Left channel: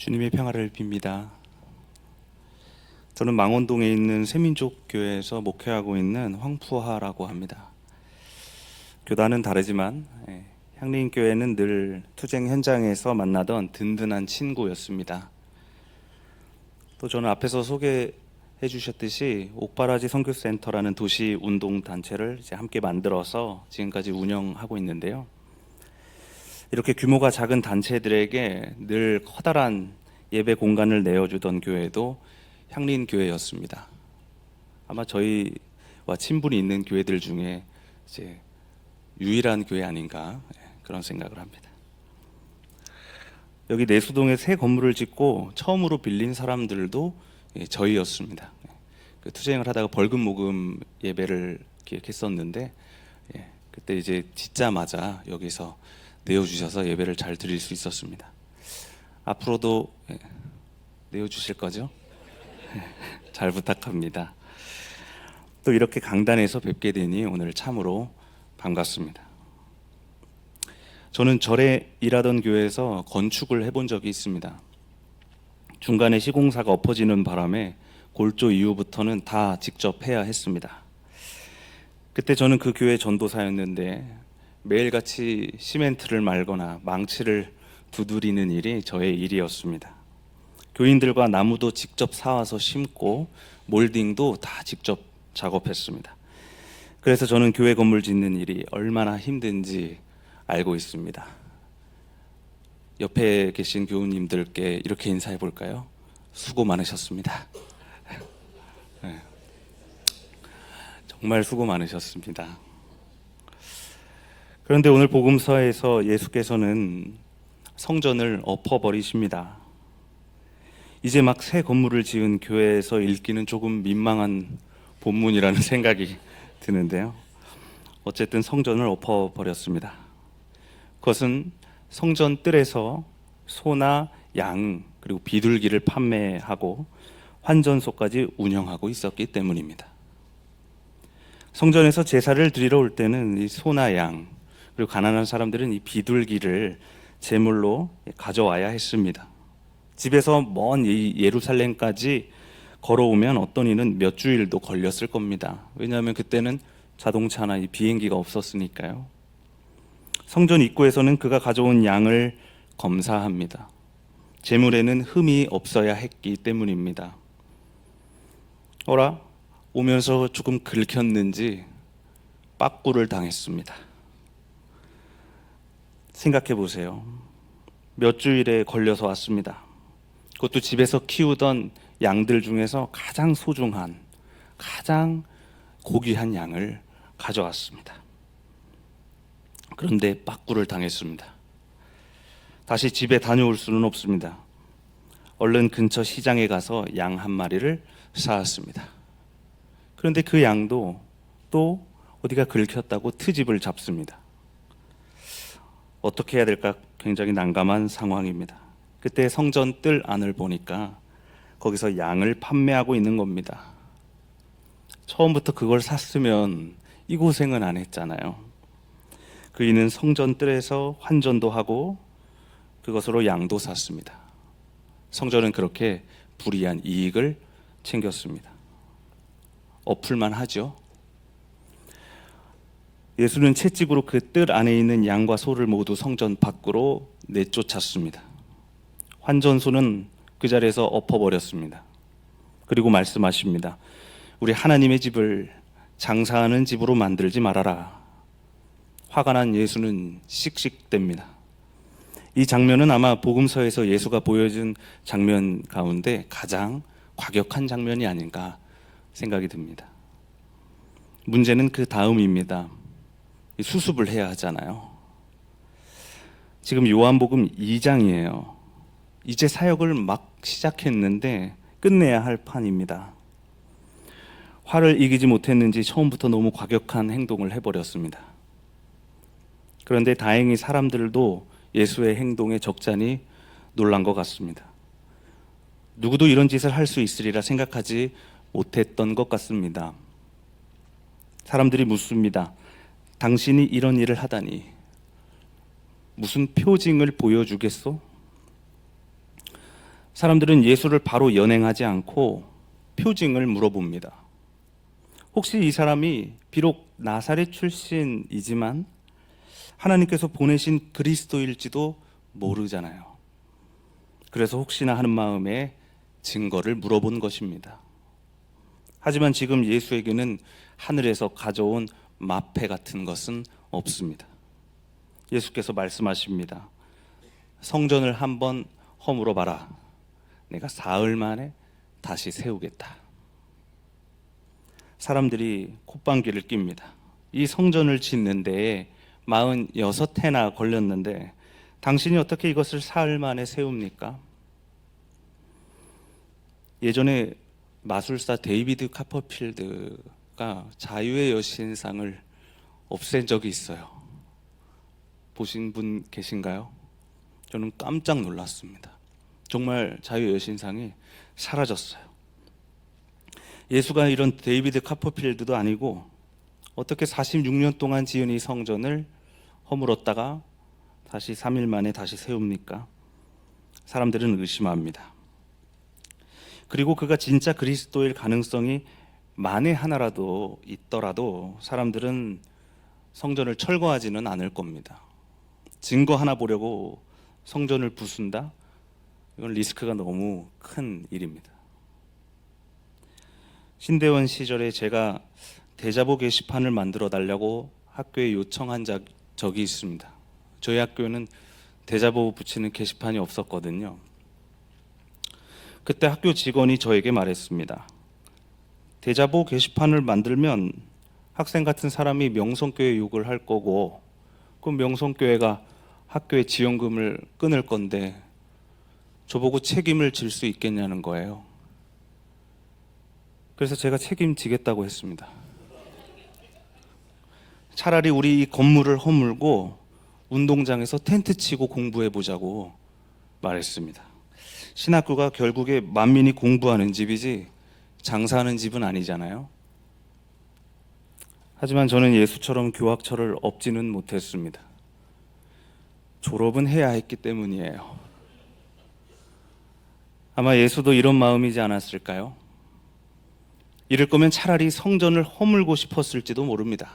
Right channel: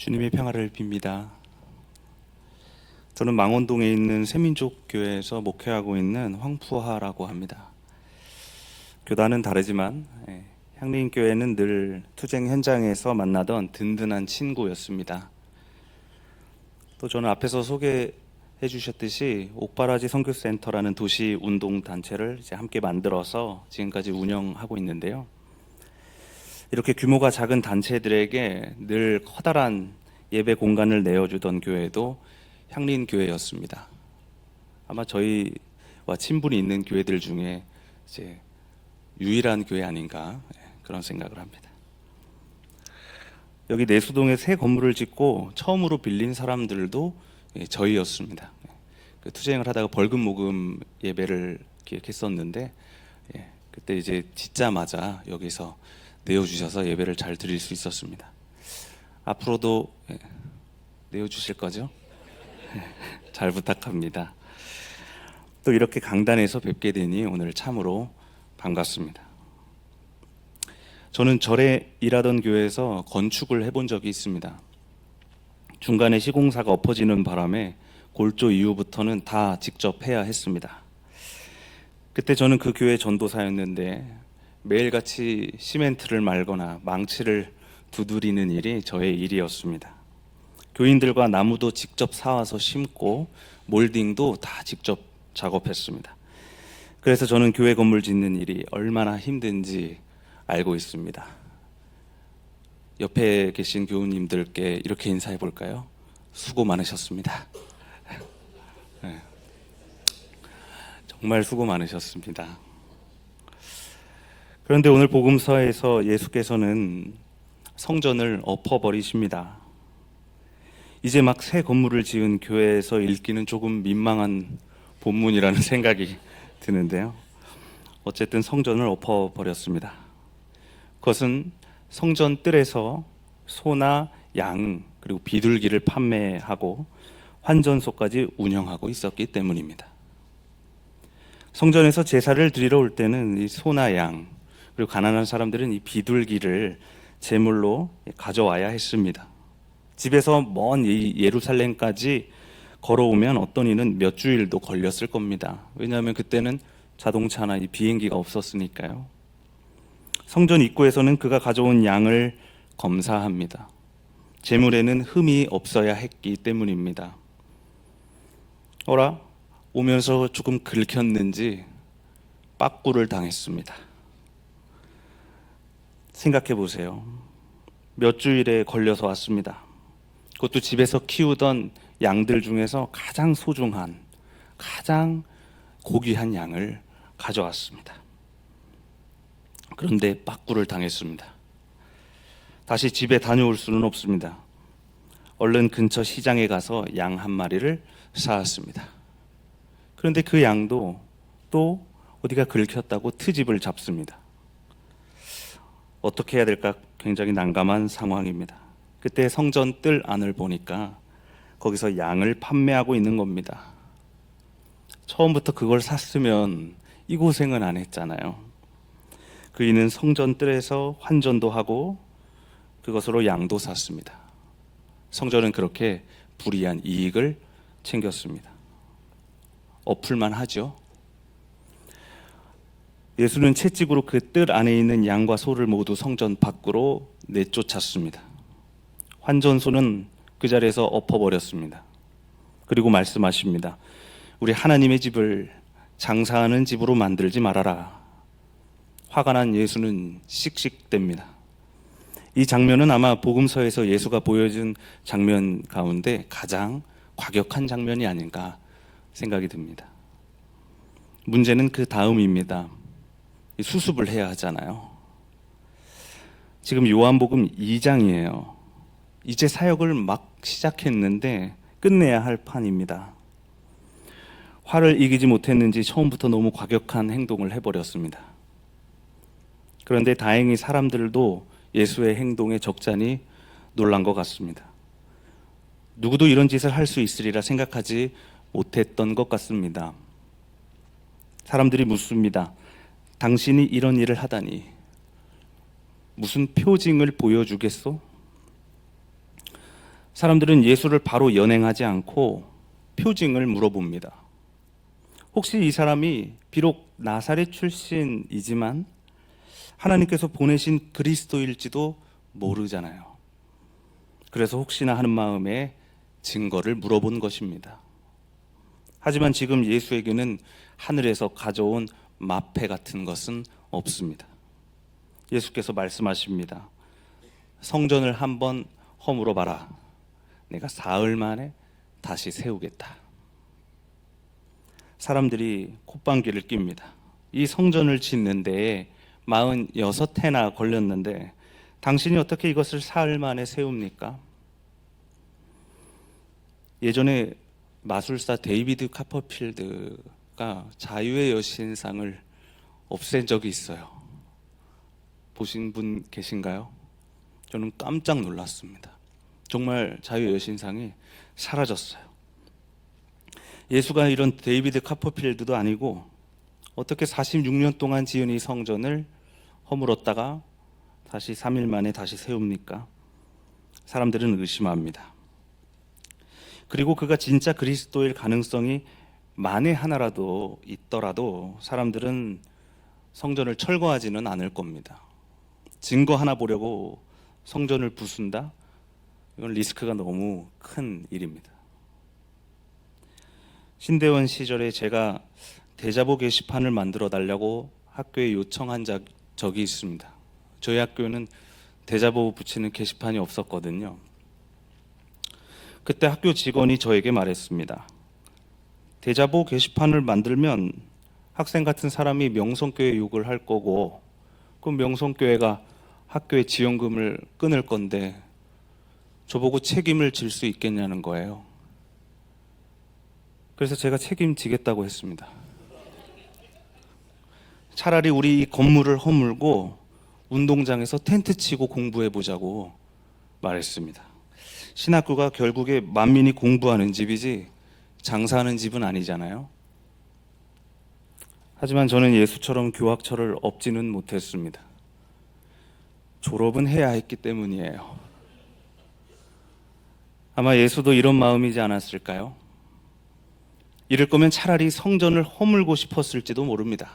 주님의 평화를 빕니다. 저는 망원동에 있는 새민족교회에서 목회하고 있는 황푸하라고 합니다. 교단은 다르지만 향림교회는 늘 투쟁 현장에서 만나던 든든한 친구였습니다. 또 저는 앞에서 소개해 주셨듯이 옥바라지 선교센터라는 도시 운동 단체를 이제 함께 만들어서 지금까지 운영하고 있는데요. 이렇게 규모가 작은 단체들에게 늘 커다란 예배 공간을 내어주던 교회도 향림교회였습니다. 아마 저희와 친분이 있는 교회들 중에 이제 유일한 교회 아닌가 그런 생각을 합니다. 여기 내수동에 새 건물을 짓고 처음으로 빌린 사람들도 저희였습니다. 그 투쟁을 하다가 벌금 모금 예배를 기획했었는데 그때 이제 짓자마자 여기서 내어주셔서 예배를 잘 드릴 수 있었습니다. 앞으로도 내어주실 거죠? 잘 부탁합니다. 또 이렇게 강단에서 뵙게 되니 오늘 참으로 반갑습니다. 저는 절에 일하던 교회에서 건축을 해본 적이 있습니다. 중간에 시공사가 엎어지는 바람에 골조 이후부터는 다 직접 해야 했습니다. 그때 저는 그 교회 전도사였는데 매일같이 시멘트를 말거나 망치를 두드리는 일이 저의 일이었습니다. 교인들과 나무도 직접 사와서 심고 몰딩도 다 직접 작업했습니다. 그래서 저는 교회 건물 짓는 일이 얼마나 힘든지 알고 있습니다. 옆에 계신 교우님들께 이렇게 인사해 볼까요? 수고 많으셨습니다. 정말 수고 많으셨습니다. 그런데 오늘 복음서에서 예수께서는 성전을 엎어버리십니다. 이제 막 새 건물을 지은 교회에서 읽기는 조금 민망한 본문이라는 생각이 드는데요. 어쨌든 성전을 엎어버렸습니다. 그것은 성전 뜰에서 소나 양 그리고 비둘기를 판매하고 환전소까지 운영하고 있었기 때문입니다. 성전에서 제사를 드리러 올 때는 이 소나 양 그리고 가난한 사람들은 이 비둘기를 제물로 가져와야 했습니다. 집에서 먼 예루살렘까지 걸어오면 어떤 이는 몇 주일도 걸렸을 겁니다. 왜냐하면 그때는 자동차나 이 비행기가 없었으니까요. 성전 입구에서는 그가 가져온 양을 검사합니다. 제물에는 흠이 없어야 했기 때문입니다. 오면서 조금 긁혔는지 빠꾸를 당했습니다. 생각해 보세요. 몇 주일에 걸려서 왔습니다. 그것도 집에서 키우던 양들 중에서 가장 소중한, 가장 고귀한 양을 가져왔습니다. 그런데 빠꾸를 당했습니다. 다시 집에 다녀올 수는 없습니다. 얼른 근처 시장에 가서 양 한 마리를 사왔습니다. 그런데 그 양도 또 어디가 긁혔다고 트집을 잡습니다. 어떻게 해야 될까 굉장히 난감한 상황입니다. 그때 성전 뜰 안을 보니까 거기서 양을 판매하고 있는 겁니다. 처음부터 그걸 샀으면 이 고생은 안 했잖아요. 그이는 성전 뜰에서 환전도 하고 그것으로 양도 샀습니다. 성전은 그렇게 불이한 이익을 챙겼습니다. 엎을만 하죠. 예수는 채찍으로 그 뜰 안에 있는 양과 소를 모두 성전 밖으로 내쫓았습니다. 환전소는 그 자리에서 엎어버렸습니다. 그리고 말씀하십니다. 우리 하나님의 집을 장사하는 집으로 만들지 말아라. 화가 난 예수는 씩씩댑니다. 이 장면은 아마 복음서에서 예수가 보여준 장면 가운데 가장 과격한 장면이 아닌가 생각이 듭니다. 문제는 그 다음입니다. 수습을 해야 하잖아요. 지금 요한복음 2장이에요. 이제 사역을 막 시작했는데 끝내야 할 판입니다. 화를 이기지 못했는지 처음부터 너무 과격한 행동을 해버렸습니다. 그런데 다행히 사람들도 예수의 행동에 적잖이 놀란 것 같습니다. 누구도 이런 짓을 할 수 있으리라 생각하지 못했던 것 같습니다. 사람들이 묻습니다. 당신이 이런 일을 하다니 무슨 표징을 보여주겠소? 사람들은 예수를 바로 연행하지 않고 표징을 물어봅니다. 혹시 이 사람이 비록 나사렛 출신이지만 하나님께서 보내신 그리스도일지도 모르잖아요. 그래서 혹시나 하는 마음에 증거를 물어본 것입니다. 하지만 지금 예수에게는 하늘에서 가져온 마패 같은 것은 없습니다. 예수께서 말씀하십니다. 성전을 한번 허물어 봐라. 내가 사흘 만에 다시 세우겠다. 사람들이 콧방귀를 낍니다. 이 성전을 짓는 데에 46해나 걸렸는데 당신이 어떻게 이것을 사흘 만에 세웁니까? 예전에 마술사 데이비드 카퍼필드가 자유의 여신상을 없앤 적이 있어요. 보신 분 계신가요? 저는 깜짝 놀랐습니다. 정말 자유의 여신상이 사라졌어요. 예수가 이런 데이비드 카퍼필드도 아니고 어떻게 46년 동안 지은 이 성전을 허물었다가 다시 3일 만에 다시 세웁니까? 사람들은 의심합니다. 그리고 그가 진짜 그리스도일 가능성이 만에 하나라도 있더라도 사람들은 성전을 철거하지는 않을 겁니다. 증거 하나 보려고 성전을 부순다? 이건 리스크가 너무 큰 일입니다. 신대원 시절에 제가 대자보 게시판을 만들어 달라고 학교에 요청한 적이 있습니다. 저희 학교는 대자보 붙이는 게시판이 없었거든요. 그때 학교 직원이 저에게 말했습니다. 대자보 게시판을 만들면 학생 같은 사람이 명성교회 욕을 할 거고 그 명성교회가 학교의 지원금을 끊을 건데 저보고 책임을 질 수 있겠냐는 거예요. 그래서 제가 책임지겠다고 했습니다. 차라리 우리 이 건물을 허물고 운동장에서 텐트 치고 공부해 보자고 말했습니다. 신학교가 결국에 만민이 공부하는 집이지 장사하는 집은 아니잖아요. 하지만 저는 예수처럼 교학철을 엎지는 못했습니다. 졸업은 해야 했기 때문이에요. 아마 예수도 이런 마음이지 않았을까요? 이럴 거면 차라리 성전을 허물고 싶었을지도 모릅니다.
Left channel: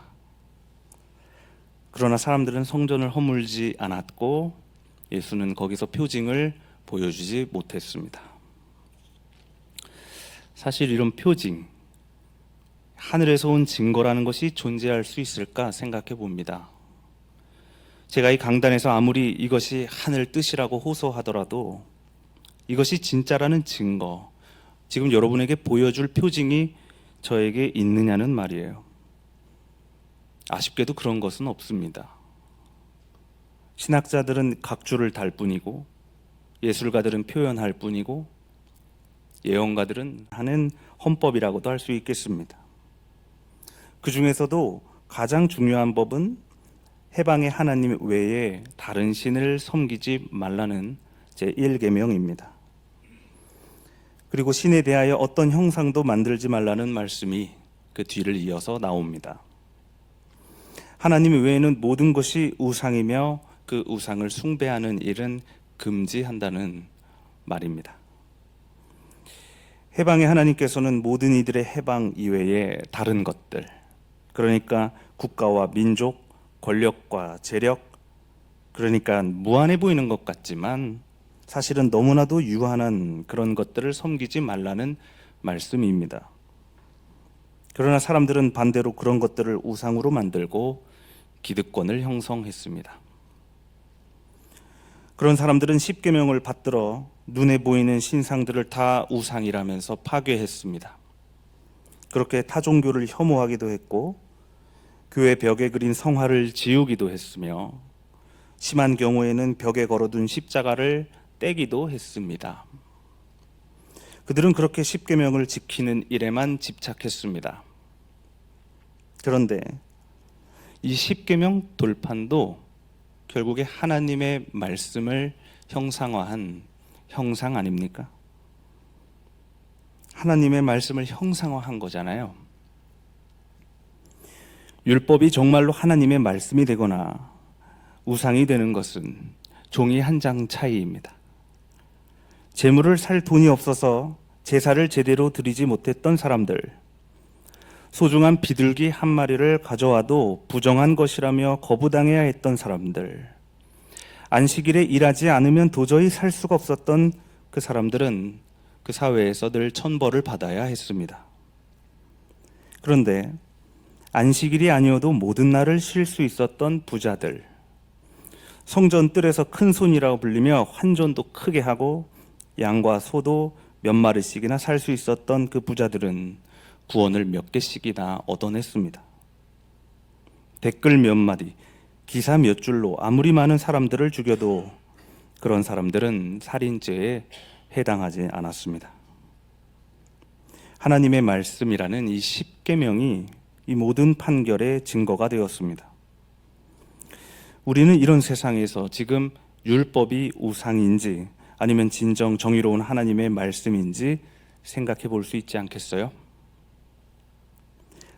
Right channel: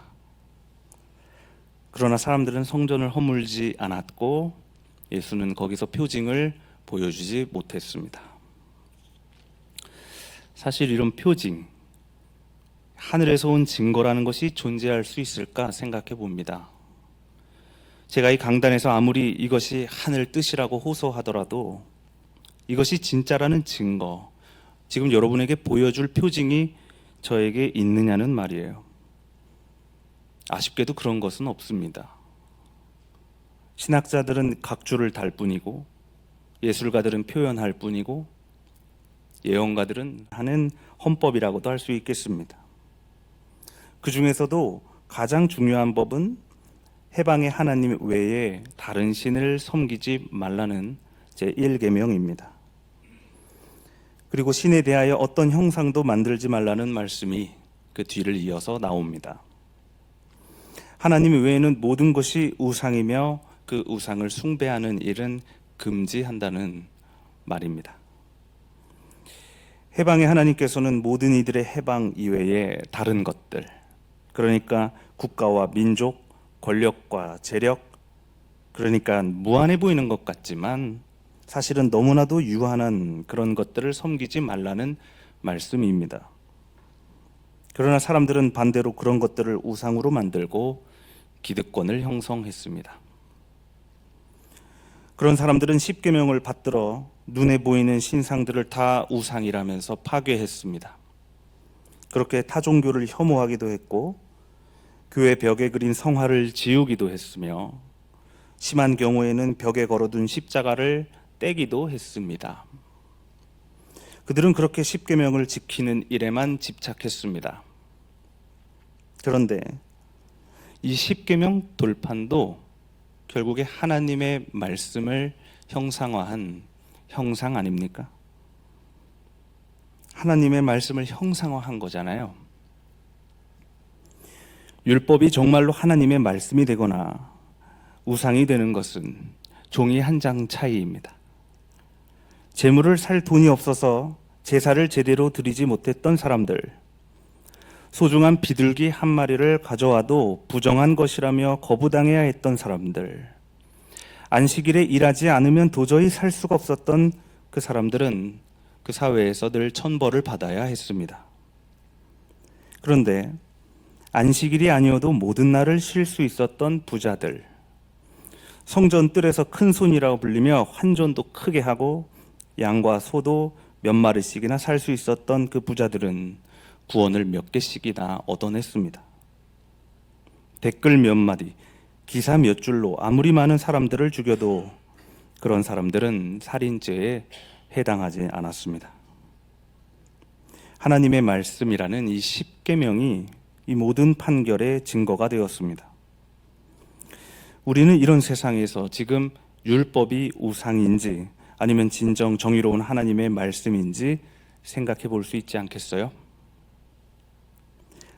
그러나 사람들은 성전을 허물지 않았고 예수는 거기서 표징을 보여주지 못했습니다. 사실 이런 표징, 하늘에서 온 증거라는 것이 존재할 수 있을까 생각해 봅니다. 제가 이 강단에서 아무리 이것이 하늘 뜻이라고 호소하더라도 이것이 진짜라는 증거, 지금 여러분에게 보여줄 표징이 저에게 있느냐는 말이에요. 아쉽게도 그런 것은 없습니다. 신학자들은 각주를 달 뿐이고 예술가들은 표현할 뿐이고 예언가들은 하는 헌법이라고도 할 수 있겠습니다. 그 중에서도 가장 중요한 법은 해방의 하나님 외에 다른 신을 섬기지 말라는 제1계명입니다. 그리고 신에 대하여 어떤 형상도 만들지 말라는 말씀이 그 뒤를 이어서 나옵니다. 하나님 외에는 모든 것이 우상이며 그 우상을 숭배하는 일은 금지한다는 말입니다. 해방의 하나님께서는 모든 이들의 해방 이외에 다른 것들, 그러니까 국가와 민족, 권력과 재력, 그러니까 무한해 보이는 것 같지만 사실은 너무나도 유한한 그런 것들을 섬기지 말라는 말씀입니다. 그러나 사람들은 반대로 그런 것들을 우상으로 만들고 기득권을 형성했습니다. 그런 사람들은 십계명을 받들어 눈에 보이는 신상들을 다 우상이라면서 파괴했습니다. 그렇게 타종교를 혐오하기도 했고 교회 벽에 그린 성화를 지우기도 했으며 심한 경우에는 벽에 걸어둔 십자가를 떼기도 했습니다. 그들은 그렇게 십계명을 지키는 일에만 집착했습니다. 그런데 이 십계명 돌판도 결국에 하나님의 말씀을 형상화한 형상 아닙니까? 하나님의 말씀을 형상화한 거잖아요. 율법이 정말로 하나님의 말씀이 되거나 우상이 되는 것은 종이 한 장 차이입니다. 재물을 살 돈이 없어서 제사를 제대로 드리지 못했던 사람들, 소중한 비둘기 한 마리를 가져와도 부정한 것이라며 거부당해야 했던 사람들, 안식일에 일하지 않으면 도저히 살 수가 없었던 그 사람들은 그 사회에서 늘 천벌을 받아야 했습니다. 그런데 안식일이 아니어도 모든 날을 쉴 수 있었던 부자들, 성전 뜰에서 큰 손이라고 불리며 환전도 크게 하고 양과 소도 몇 마리씩이나 살 수 있었던 그 부자들은 구원을 몇 개씩이나 얻어냈습니다. 댓글 몇 마디, 기사 몇 줄로 아무리 많은 사람들을 죽여도 그런 사람들은 살인죄에 해당하지 않았습니다. 하나님의 말씀이라는 이 십계명이 이 모든 판결의 증거가 되었습니다. 우리는 이런 세상에서 지금 율법이 우상인지 아니면 진정 정의로운 하나님의 말씀인지 생각해 볼 수 있지 않겠어요?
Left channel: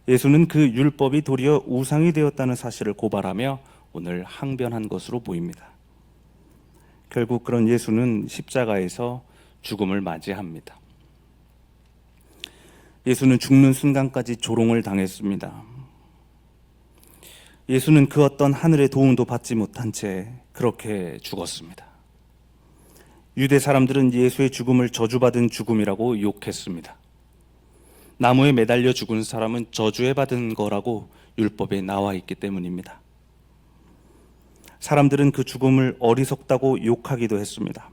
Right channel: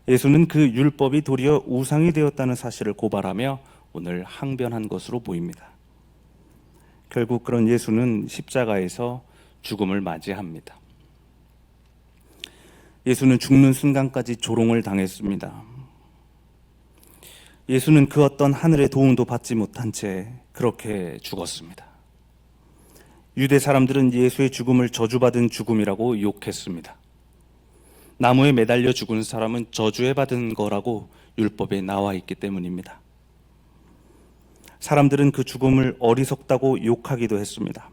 예수는 그 율법이 도리어 우상이 되었다는 사실을 고발하며 오늘 항변한 것으로 보입니다. 결국 그런 예수는 십자가에서 죽음을 맞이합니다. 예수는 죽는 순간까지 조롱을 당했습니다. 예수는 그 어떤 하늘의 도움도 받지 못한 채 그렇게 죽었습니다. 유대 사람들은 예수의 죽음을 저주받은 죽음이라고 욕했습니다. 나무에 매달려 죽은 사람은 저주에 받은 거라고 율법에 나와 있기 때문입니다. 사람들은 그 죽음을 어리석다고 욕하기도 했습니다.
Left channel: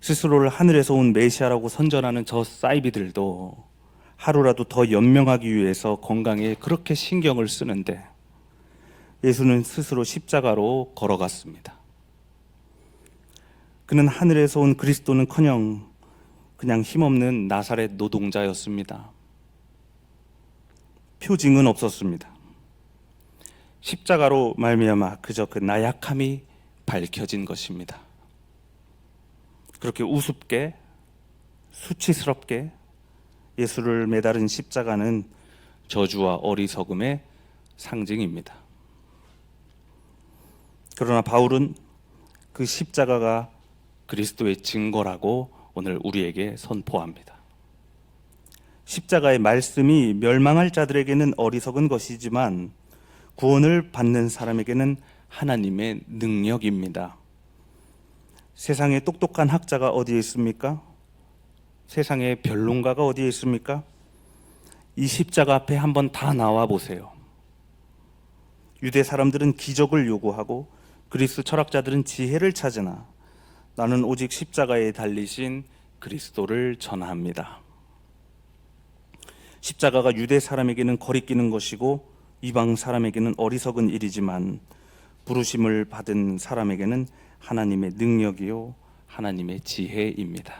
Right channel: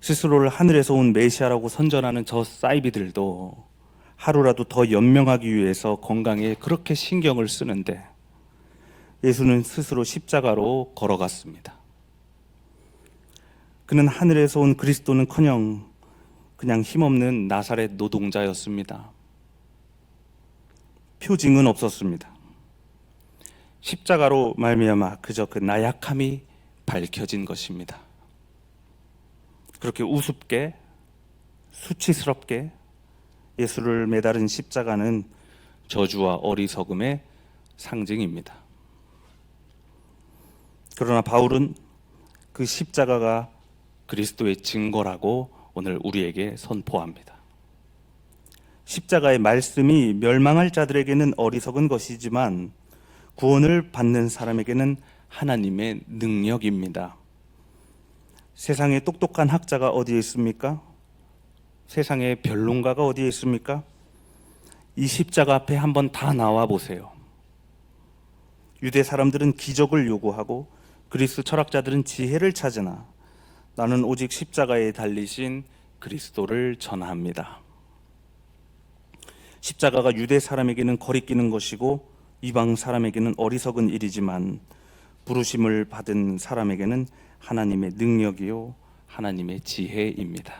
스스로를 하늘에서 온 메시아라고 선전하는 저 사이비들도 하루라도 더 연명하기 위해서 건강에 그렇게 신경을 쓰는데 예수는 스스로 십자가로 걸어갔습니다. 그는 하늘에서 온 그리스도는커녕 그냥 힘없는 나사렛 노동자였습니다. 표징은 없었습니다. 십자가로 말미암아 그저 그 나약함이 밝혀진 것입니다. 그렇게 우습게 수치스럽게 예수를 매달은 십자가는 저주와 어리석음의 상징입니다. 그러나 바울은 그 십자가가 그리스도의 증거라고 오늘 우리에게 선포합니다. 십자가의 말씀이 멸망할 자들에게는 어리석은 것이지만 구원을 받는 사람에게는 하나님의 능력입니다. 세상에 똑똑한 학자가 어디에 있습니까? 세상에 변론가가 어디에 있습니까? 이 십자가 앞에 한번 다 나와 보세요. 유대 사람들은 기적을 요구하고 그리스 철학자들은 지혜를 찾으나 나는 오직 십자가에 달리신 그리스도를 전합니다. 십자가가 유대 사람에게는 거리끼는 것이고 이방 사람에게는 어리석은 일이지만 부르심을 받은 사람에게는 하나님의 능력이요 하나님의 지혜입니다.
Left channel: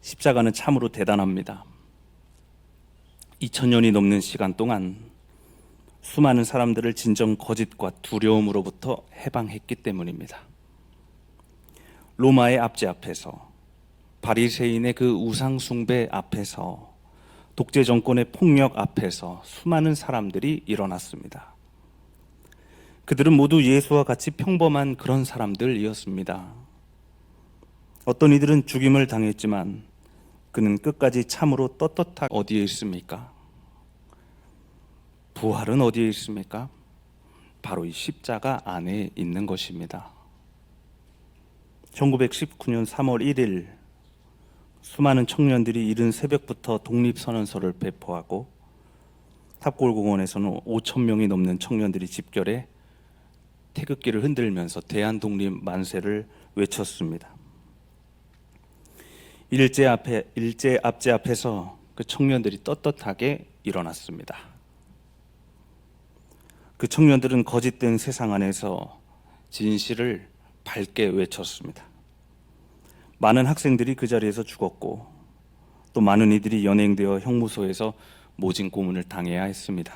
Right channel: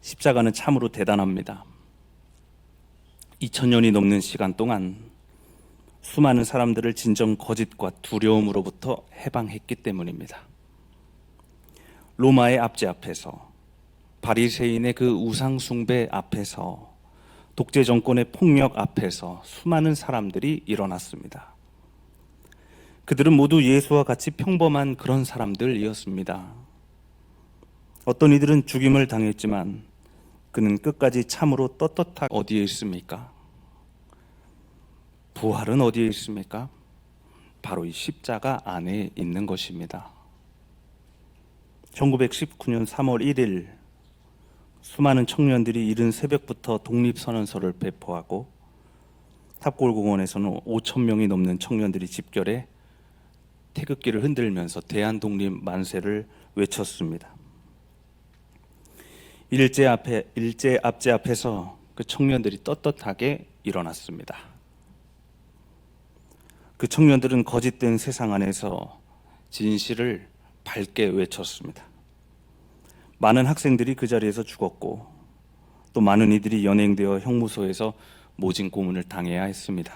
십자가는 참으로 대단합니다. 2000년이 넘는 시간 동안 수많은 사람들을 진정 거짓과 두려움으로부터 해방했기 때문입니다. 로마의 압제 앞에서, 바리새인의 그 우상 숭배 앞에서, 독재 정권의 폭력 앞에서 수많은 사람들이 일어났습니다. 그들은 모두 예수와 같이 평범한 그런 사람들이었습니다. 어떤 이들은 죽임을 당했지만 그는 끝까지 참으로 떳떳하게 어디에 있습니까? 부활은 어디에 있습니까? 바로 이 십자가 안에 있는 것입니다. 1919년 3월 1일 수많은 청년들이 이른 새벽부터 독립선언서를 배포하고 탑골공원에서는 5,000명이 넘는 청년들이 집결해 태극기를 흔들면서 대한독립 만세를 외쳤습니다. 일제 압제 앞에서 그 청년들이 떳떳하게 일어났습니다. 그 청년들은 거짓된 세상 안에서 진실을 밝게 외쳤습니다. 많은 학생들이 그 자리에서 죽었고 또 많은 이들이 연행되어 형무소에서 모진 고문을 당해야 했습니다.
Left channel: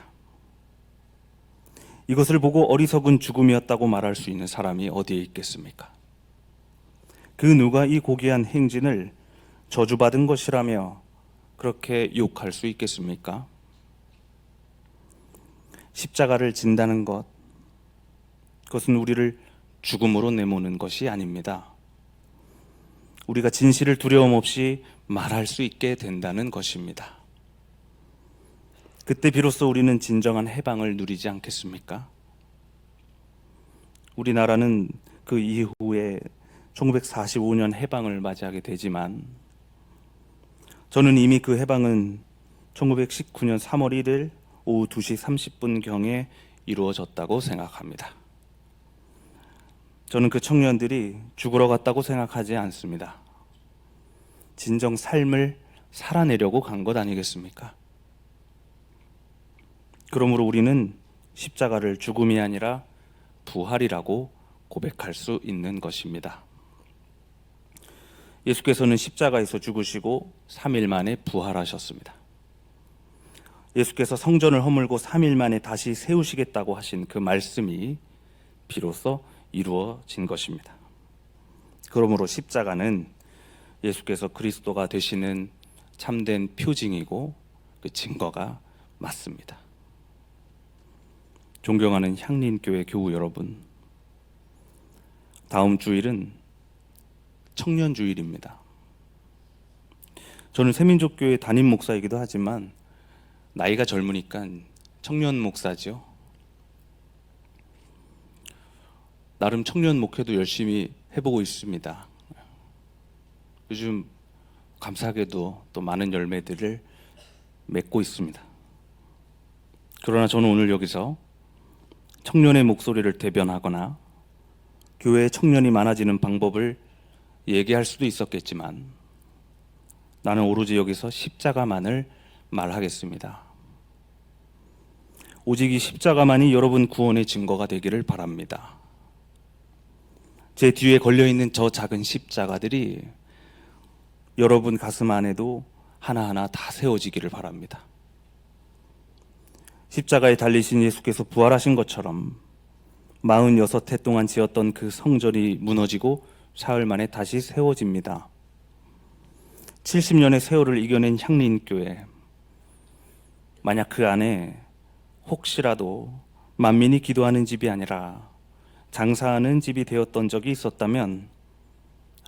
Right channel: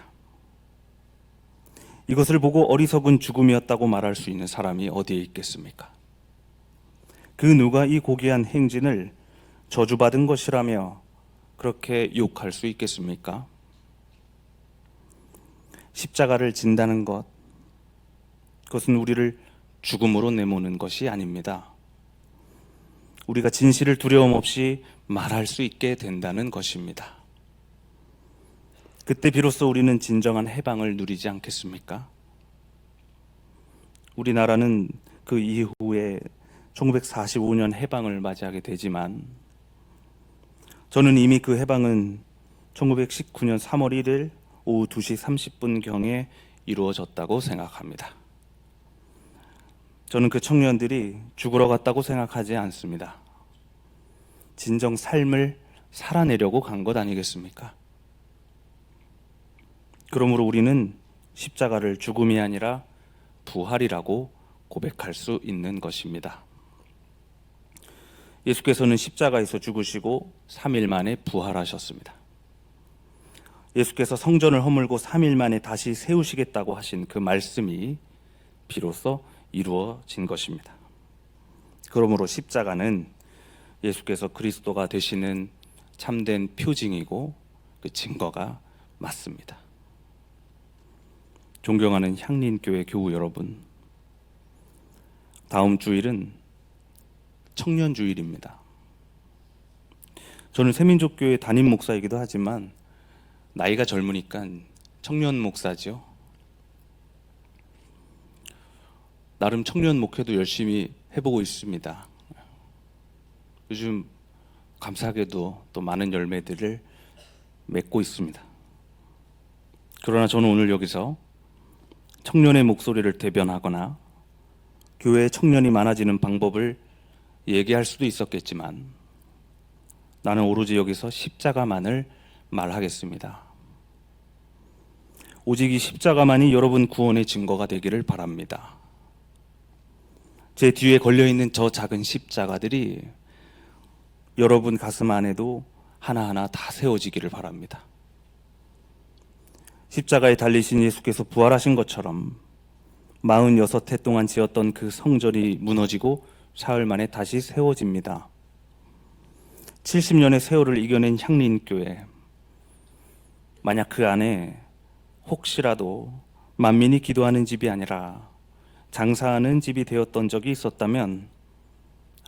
이것을 보고 어리석은 죽음이었다고 말할 수 있는 사람이 어디에 있겠습니까? 그 누가 이 고귀한 행진을 저주받은 것이라며 그렇게 욕할 수 있겠습니까? 십자가를 진다는 것, 그것은 우리를 죽음으로 내모는 것이 아닙니다. 우리가 진실을 두려움 없이 말할 수 있게 된다는 것입니다. 그때 비로소 우리는 진정한 해방을 누리지 않겠습니까? 우리나라는 그 이후에 1945년 해방을 맞이하게 되지만 저는 이미 그 해방은 1919년 3월 1일 오후 2시 30분경에 이루어졌다고 생각합니다. 저는 그 청년들이 죽으러 갔다고 생각하지 않습니다. 진정 삶을 살아내려고 간 것 아니겠습니까? 그러므로 우리는 십자가를 죽음이 아니라 부활이라고 고백할 수 있는 것입니다. 예수께서는 십자가에서 죽으시고 3일 만에 부활하셨습니다. 예수께서 성전을 허물고 3일 만에 다시 세우시겠다고 하신 그 말씀이 비로소 이루어진 것입니다. 그러므로 십자가는 예수께서 그리스도가 되시는 참된 표징이고 그 증거가 맞습니다. 존경하는 향린교회 교우 여러분, 다음 주일은 청년주일입니다. 저는 새민족교회 담임 목사이기도 하지만 나이가 젊으니까 청년 목사죠. 나름 청년 목회도 열심히 해보고 있습니다. 요즘 감사하게도 또 많은 열매들을 맺고 있습니다. 그러나 저는 오늘 여기서 청년의 목소리를 대변하거나 교회에 청년이 많아지는 방법을 얘기할 수도 있었겠지만 나는 오로지 여기서 십자가만을 말하겠습니다. 오직 이 십자가만이 여러분 구원의 증거가 되기를 바랍니다. 제 뒤에 걸려있는 저 작은 십자가들이 여러분 가슴 안에도 하나하나 다 세워지기를 바랍니다. 십자가에 달리신 예수께서 부활하신 것처럼 46해 동안 지었던 그 성전이 무너지고 사흘 만에 다시 세워집니다. 70년의 세월을 이겨낸 향린교회, 만약 그 안에 혹시라도 만민이 기도하는 집이 아니라 장사하는 집이 되었던 적이 있었다면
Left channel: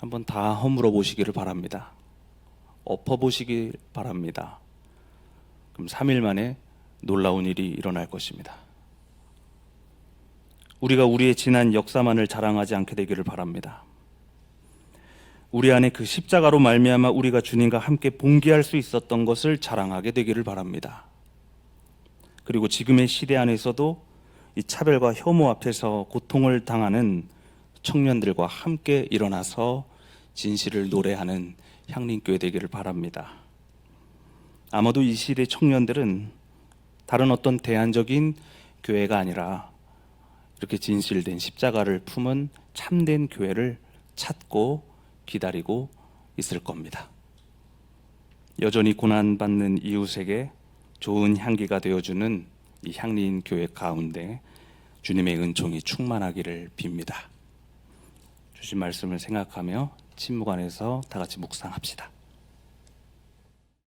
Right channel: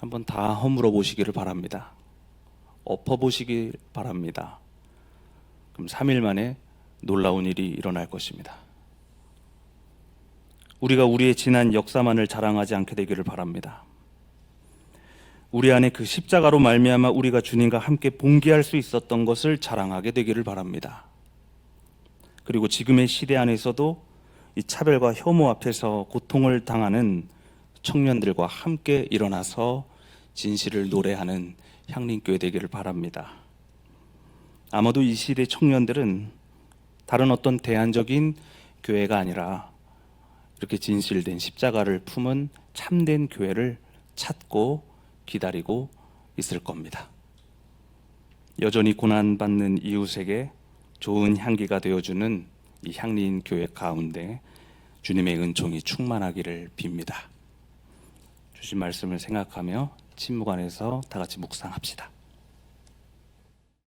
한번 다 허물어 보시기를 바랍니다. 엎어 보시기 바랍니다. 그럼 3일 만에 놀라운 일이 일어날 것입니다. 우리가 우리의 지난 역사만을 자랑하지 않게 되기를 바랍니다. 우리 안에 그 십자가로 말미암아 우리가 주님과 함께 봉기할 수 있었던 것을 자랑하게 되기를 바랍니다. 그리고 지금의 시대 안에서도 이 차별과 혐오 앞에서 고통을 당하는 청년들과 함께 일어나서 진실을 노래하는 향린교회 되기를 바랍니다. 아마도 이 시대 청년들은 다른 어떤 대안적인 교회가 아니라 이렇게 진실된 십자가를 품은 참된 교회를 찾고 기다리고 있을 겁니다. 여전히 고난받는 이웃에게 좋은 향기가 되어주는 이 향린 교회 가운데 주님의 은총이 충만하기를 빕니다. 주신 말씀을 생각하며 침묵 안에서 다 같이 묵상합시다.